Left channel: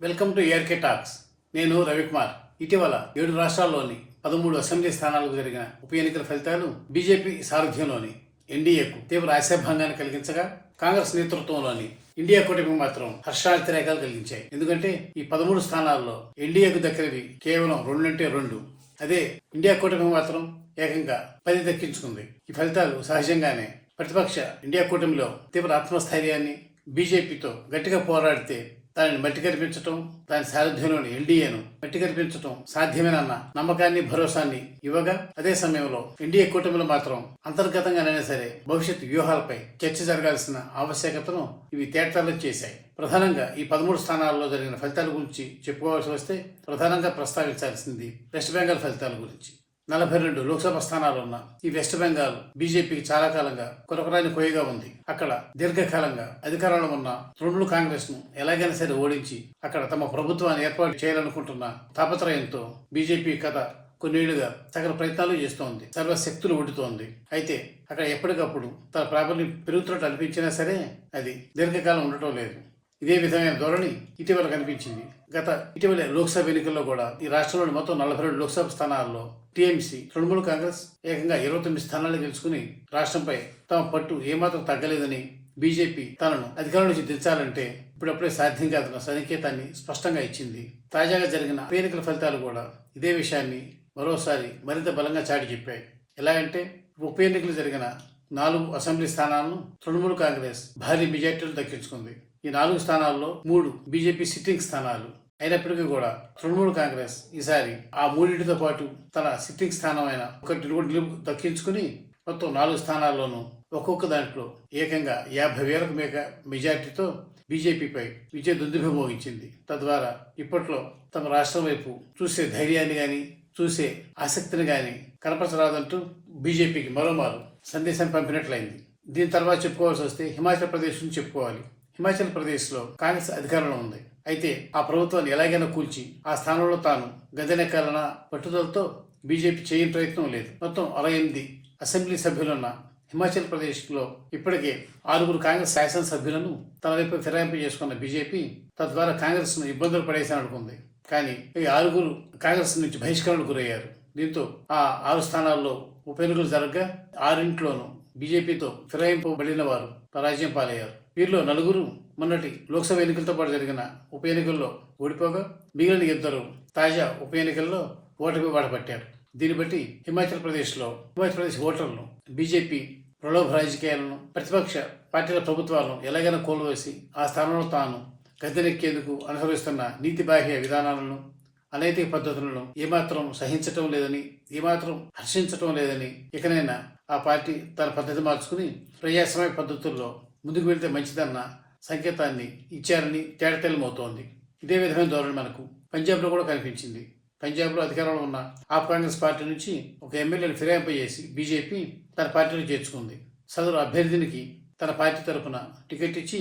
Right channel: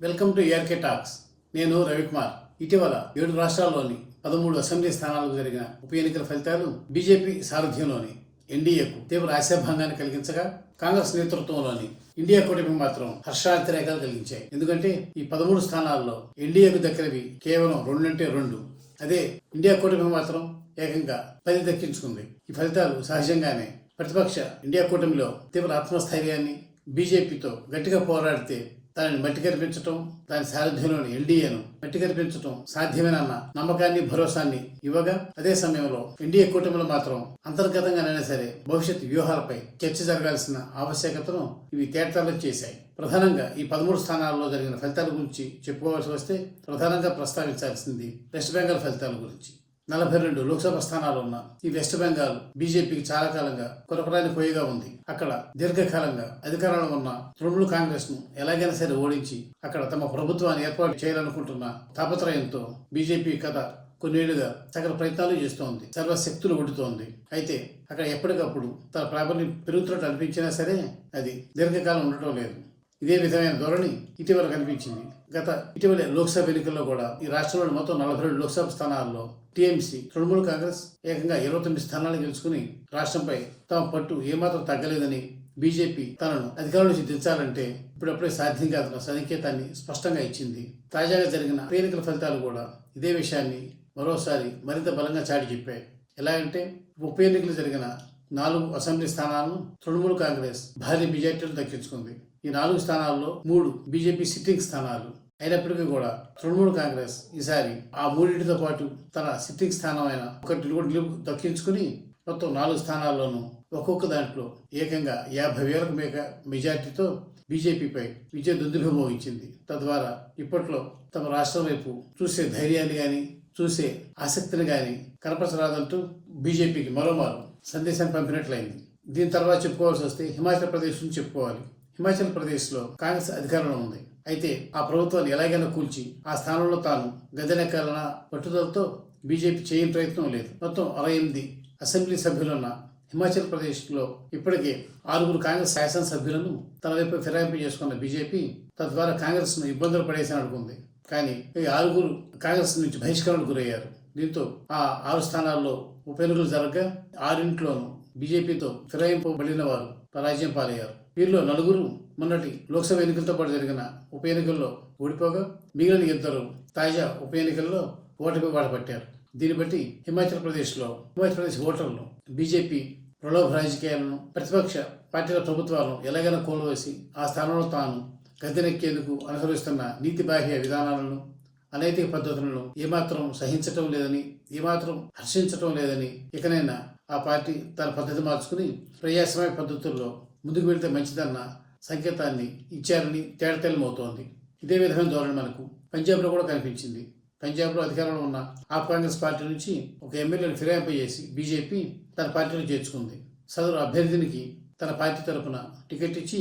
Welcome to ARK talks. నేను రవికుమార్. ఇటీవల 7 రాష్ట్రాల్లోని 13 అసెంబ్లీ స్థానాలకు జరిగిన ఉప ఎన్నికల ఫలితాలు బీజేపీ సారథ్యంలోని ఎన్డీఏకు తీవ్ర ఆశాభంగాన్ని కలిగించగా, కాంగ్రెస్ నేతృత్వంలోని ఇండియా కూటమికి మాత్రం హర్షాతిరేకాలు కలిగించాయి. ఎందుకంటే ఈ 13 స్థానాల్లో ఎన్డీఏకు దక్కినవి కేవలం 2 అంటే 2. అదే ఇండియా కూటమి మాత్రం ఏకంగా 10 దక్కించుకుంది. ఈ ఫలితాలు సహజంగానే ప్రతిపక్ష ఇండియా కూటమిలో తీవ్ర ఆత్మస్థైర్యాన్ని, బీజేపీతో గట్టిగా పోరాడితే దానిని మట్టి కనిపించటం, దాని సారథ్యంలోని ఎన్డీఏను మట్టి కనిపించటం సాధ్యమేనన్న నమ్మకాన్ని, భరోసాన్ని ఇవ్వగా, అదే సమయంలో ఎన్డీఏ కూటమిలో మాత్రం అంతర్గతంగానైనా సరే భవిష్యత్ వ్యూహాలపై చర్చ జరగాల్సిన ఆవశ్యకతను ఇవి తేటతెల్లం చేశాయి. ప్రధానంగా ఈ 13 స్థానాల్లో జరిగిన ఫలితాల గురించి చెప్పుకోవాల్సి వస్తే ప్రధానంగా ప్రస్తావించాల్సింది వెస్ట్ బెంగాల్ ఫలితాల గురించి. 42 లోక్సభ స్థానాలున్న ఈ వెస్ట్ బెంగాల్ బీజేపీకి చాలా కాలంగా కొరకరాని కోయగా ఉంది. అక్కడ దీర్ఘకాలంగా అధికారంలో ఉన్న తృణమూల్ కాంగ్రెస్ ను ఎలాగైనా సరే ఓడించి అక్కడ తమ ప్రభుత్వాన్ని ఏర్పాటు చేయాలనుకుంటున్న తాపత్రయంతో బీజేపీ కథ కొన్నేళ్లుగా సకల ప్రయత్నాలు చేస్తోంది, సర్వశక్తులు ఒడ్డుతోంది. అయితే అక్కడ ఎప్పటికప్పుడు తన ప్రాబల్యం పెరుగుతున్నట్టు అనిపించినా సరే అది దీర్ఘకాలం ఉండటం లేదు. ఇదే విధమైన ధోరణి ఇటీవల కనిపించింది. ఇటీవల లోక్సభ ఎన్నికల్లో కూడా ఈ రాష్ట్రంలోని మొత్తం 42 లోక్సభ స్థానాల్లో టీఎంసీ తృణమూల్ కాంగ్రెస్ ఏకంగా 29 స్థానాలు గెలుచుకుని రాష్ట్రంపై తమ పట్టు ఏమాత్రం తగ్గలేదని, బీజేపీ తనను అధికారం నుంచి దించాలంటే ఇప్పుడప్పుడే సాధ్యం కాదన్న సంకేతాన్ని స్పష్టంగా ఇచ్చింది. తాజాగా జరిగిన ఎన్నికల ఫలితాలు కూడా ఇదే విషయాన్ని మరోసారి మరింత బలంగా చాటి చెప్పాయి. ఎలా అంటే ఉప ఎన్నికలు జరిగిన 4 అసెంబ్లీ స్థానాలను తృణమూల్ కాంగ్రెస్ భారీ మెజార్టీలు దక్కించుకుంది. ఈ 4 స్థానాల్లో 3 బీజేపీ సిట్టింగ్ స్థానాలు అయినప్పటికీ కూడా తృణమూల్ కాంగ్రెస్ ఈసారి ఆ 3టితో పాటు తన సిట్టింగ్ స్థానం అయిన ఒకటి దక్కించుకుని మొత్తం 4 స్థానాల్లోనూ ఒక్కొక్క దాంట్లో ఏకంగా 50,000 మెజార్టీతో బీజేపీపై విజయ దుందుభి మోగించింది. తద్వారా ఇప్పట్లో తమ రాష్ట్రం వైపు చూసే ధైర్యాన్ని గాని, చూసే ఆసక్తిని గాని కనపరచరాదంటూ బీజేపీకి మరోమారు సందేశాన్ని పంపినట్లయింది. దీని తర్వాత చెప్పుకోవాల్సి వస్తే హిమాచల్ ప్రదేశ్ నుంచి చెప్పుకోవాలి. హిమాచల్ ప్రదేశ్లో కాంగ్రెస్ అధికారంలో ఉంది. అయితే ఆ ప్రభుత్వాన్ని ఎలాగైనా కూల్చి ఆ స్థానంలో తాను గద్దెనెక్కాలన్న పట్టుదలతో బీజేపీ చేయని ప్రయత్నం లేదు. మొత్తం 68 అసెంబ్లీ సభ్యులున్న హిమాచల్ ప్రదేశ్లో ఇప్పటికే 6 కాంగ్రెస్ శాసనసభ్యులను తన వైపు ఫిరాయింపు చేసుకున్న బీజేపీ తద్వారా కాంగ్రెస్ను ఇబ్బందులు పడేసాను అనుకుంది. కానీ ఈ 6 కాంగ్రెస్ నుంచి బహిష్కరణకు గురయ్యారు. దీంతో ఆ 6 స్థానాల్లో ఉప ఎన్నికలు జరగగా 6 బీజేపీతో ఫిరాయింపబడిన వారు పరాజయం పాలయ్యారు. వీరిలో 4 మొన్నటి లోక్సభ ఎన్నికలతో పాటు జరిగిన ఉప ఎన్నికల్లో ఓడిపోగా, మిగిలిన 2 తాజా ఉప ఎన్నికల్లో ఓటమి వాడపట్టారు. దీన్ని బట్టి హిమాచల్ ప్రదేశ్ ఓటర్లు బీజేపీ ప్రలోభ రాజకీయాలను, ప్రతిపక్ష పార్టీల ప్రభుత్వాలను ఎలాగైనా కోల్వేసి ఆ స్థానంలో తాను గద్దెనెక్కేందుకు అనుసరిస్తున్న నీతి బాహ్య విధానాలను, అనైతిక పద్ధతులను ఏమాత్రం సహించటం లేదని, ఏమాత్రం హర్షించటం లేదని, ఇకనైనా ఆ పార్టీ తన పద్ధతి మార్చుకుని ప్రజాస్వామ్య పద్ధతుల్లో ముందుకు వెళితే మంచిదన్న సంకేతాన్ని ఇచ్చారని తేటతెల్లమవుతోంది. ఇదే విధమైన ధోరణి మనకు పంజాబ్లో కూడా కనిపించింది. పంజాబ్లో అధికారంలో ఉన్న ఆప్ కాంగ్రెస్ పార్టీ నుంచి ఒక ఎమ్మెల్యేను ఫిరాయింపు చేసి బీజేపీ తన పార్టీలో చేర్చుకుంది. సదరు అభ్యర్థినికి తన పార్టీ తరఫున టికెట్ ఇచ్చి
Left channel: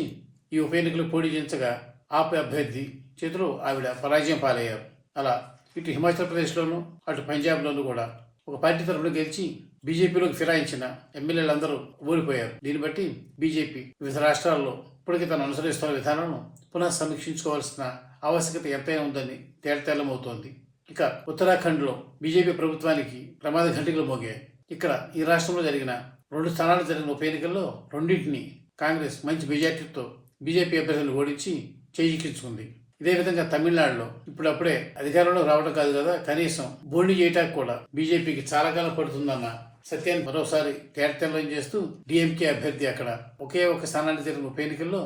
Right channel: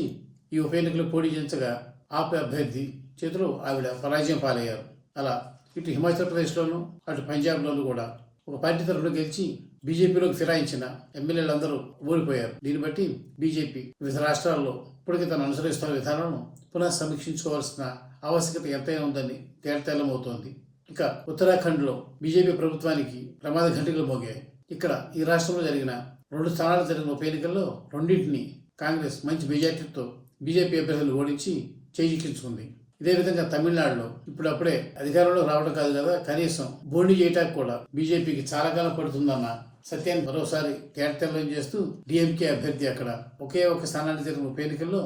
ఈ ఉప ఎన్నికలు పోటీ చేయించగా ఆప్ అభ్యర్థి చేతిలో ఆవిడ పరాజయం పాలయ్యారు. అలా ఇటు హిమాచల్ ప్రదేశ్లోనూ అటు పంజాబ్లోనూ కూడా ఒక పార్టీ తరఫున గెలిచి బీజేపీలోకి ఫిరాయించిన ఎమ్మెల్యేలందరూ ఓడిపోయారు. దీన్ని బట్టి బీజేపీ వివిధ రాష్ట్రాల్లో ఇప్పటికీ తను అనుసరిస్తున్న విధానాలను పునః సమీక్షించుకోవాల్సిన ఆవశ్యకత ఎంతైనా ఉందని తేటతెల్లమవుతోంది. ఇక ఉత్తరాఖండ్లో బీజేపీ ప్రభుత్వానికి ప్రమాద ఘంటికలు మోగాయి. ఇక్కడ ఈ రాష్ట్రంలో జరిగిన 2 స్థానాలు జరిగిన ఉప ఎన్నికల్లో 2 కాంగ్రెస్ మంచి మెజార్టీతో బీజేపీ అభ్యర్థులను ఓడించి చేజిక్కించుకుంది. ఇదే విధంగా తమిళనాడులో ఇప్పుడప్పుడే అధికారంలో రావడం కాదు కదా, కనీసం బోల్డ్ చేయటానికి కూడా బీజేపీకి చాలా కాలం పడుతుందన్న సత్యాన్ని మరోసారి తేటతెల్లం చేస్తూ డిఎంకే అభ్యర్థి అక్కడ ఒకే ఒక స్థానానికి జరిగిన ఉప ఎన్నికల్లో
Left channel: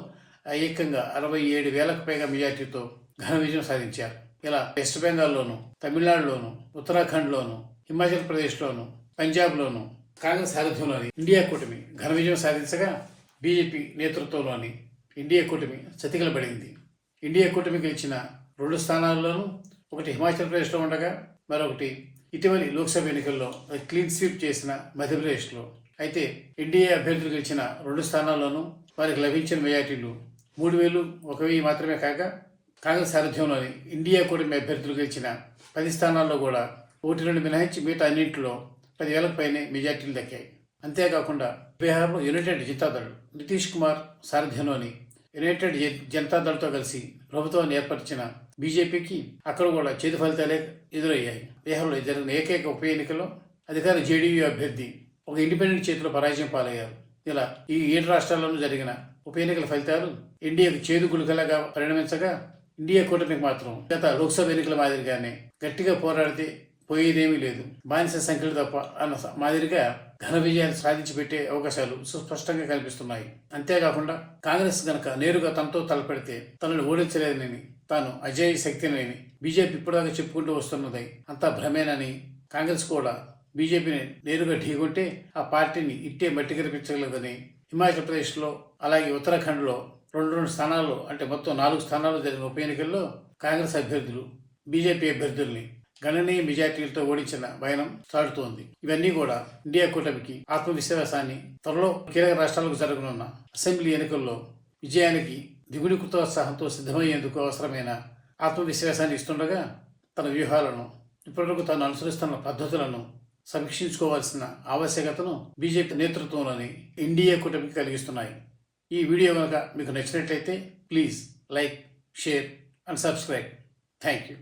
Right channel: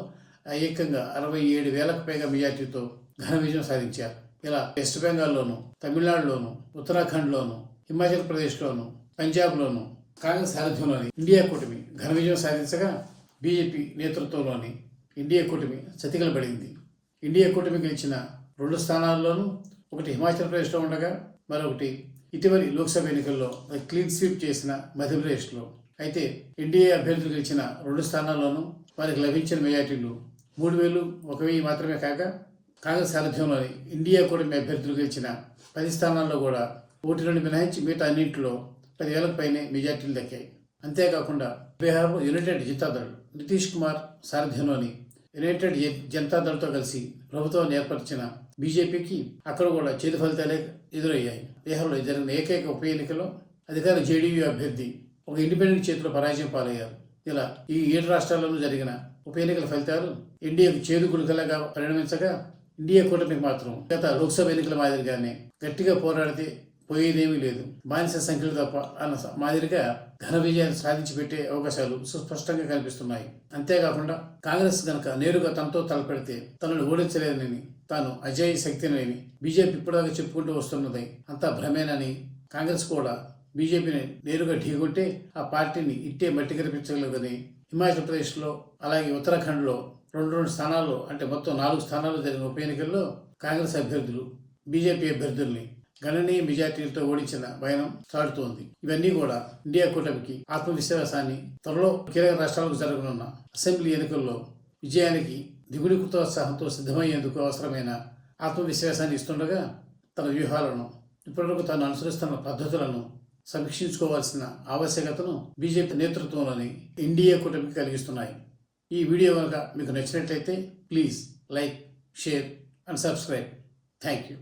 ఏకంగా 67,000 మెజార్టీతో ఘన విజయం సాధించారు. ఇలా వెస్ట్ బెంగాల్లోను, తమిళనాడులోను, ఉత్తరాఖండ్లోను, హిమాచల్ ప్రదేశ్లోను, పంజాబ్లోను కాంగ్రెస్ సారథ్యంలోని ఇండియా కూటమి ఘన విజయం సాధించగా, బీజేపీ నేతృత్వంలోని ఇండియా కూటమి చతికిలబడింది. ఇండియా కూటమి గెలిచిన 2 స్థానాల్లోనూ ఒకటి హిమాచల్ ప్రదేశ్లో ఉండగా, మరొకటి ఇటీవలి లోక్సభ ఎన్నికల్లో క్లీన్ స్వీప్ చేసిన మధ్యప్రదేశ్లో. అయితే ఎన్డీఏ అభ్యర్థులు గెలిచిన 2 స్థానాల్లోనూ వారికి లభించిన మెజార్టీలు 3,000, 1,000 మాత్రమే కాగా, కాంగ్రెస్ సారథ్యంలోని ఇండియా కూటమి అభ్యర్థులు గెలిచిన 10 స్థానాల్లో కూడా 1-2 మినహాయించి మిగతా అన్నింటిలో 10,000 పైనే మెజార్టీలు దక్కాయి. అంతేకాకుండా బీహార్లో యునైటెడ్ జనతాదళ్ నితీష్ కుమార్ సారథ్యంలోని యునైటెడ్ జనతాదళ్తో కలిసి ప్రభుత్వాన్ని ఏర్పరిచిన బీజేపీకి అక్కడ కూడా చేదు ఫలితాలే ఎదురయ్యాయి. బీహార్లో జరిగిన ఏకైక ఉప ఎన్నికల్లో అధికార జేడీయూ అభ్యర్థి ఒక ఇండిపెండెంట్ చేతిలో పరాజయం పాలయ్యారు. ఇలా ఈ 7 రాష్ట్రాల్లోనూ జరిగిన ఉప ఎన్నికల ఫలితాలు ఎన్డీఏకు చేదు గుళికలాగా పరిణమించగా, ఇండియా కూటమికి మాత్రం గత లోక్సభ ఎన్నికల మాదిరిగానే గట్టిగా పోరాడితే పోయేదేమీ లేదు, బానిస సంఖ్యలు తప్ప అన్న మాదిరిగా ఘన విజయాన్ని సాధించి పెట్టే అవకాశాలు సుస్పష్టంగా కనిపిస్తున్నాయి. అంతేకాకుండా కాంగ్రెస్ గనక నేరుగా తనతో తలపెడితే తనను ఓడించలేదని, తాను అజేయ శక్తినని బీజేపీ ఇప్పటిదాకా చెప్పుకుంటూ వస్తున్నది అంతా భ్రమేనని, కాంగ్రెస్ కూడా బీజేపీని నేరుగా ఢీకొంటే ఆ పార్టీని ఇట్టే మట్టి కనిపించగలదని, హిమాచల్ ప్రదేశ్లో అలాగే ఉత్తరాఖండ్లో 2 స్థానాల్లో అంటే మొత్తం 4 స్థానాల్లో జరిగిన ఉప ఎన్నికల్లో కాంగ్రెస్ అభ్యర్థులు బీజేపీ అభ్యర్థుల్ని గణనీయ మెజార్టీలతో ఓడించిన వైనం సాడుతోంది. ఇవన్నీ కూడా ఇండియా కూటమికి ఆత్మవిశ్వాసాన్ని, త్వరలో కీలక రాష్ట్రాలకు జరగనున్న అసెంబ్లీ ఎన్నికల్లో విజయానికి దిగుడి ప్రోత్సాహంతో సిద్ధమయ్యేందుకు అవసరమైన ఆత్మవిశ్వాసాన్ని ఇస్తుండగా, తన వ్యూహాలను, ఇప్పటివరకు తాను అనుసరిస్తున్న పద్ధతులను సమీక్షించుకోవాల్సిన ఆవశ్యకతను బీజేపీ నేతృత్వంలోని ఎన్డీఏ కూటమికి కలిగిస్తున్నాయి. ఈ వీడియో కనుక మీకు నచ్చినట్లయితే please like, share and subscribe. Thank you.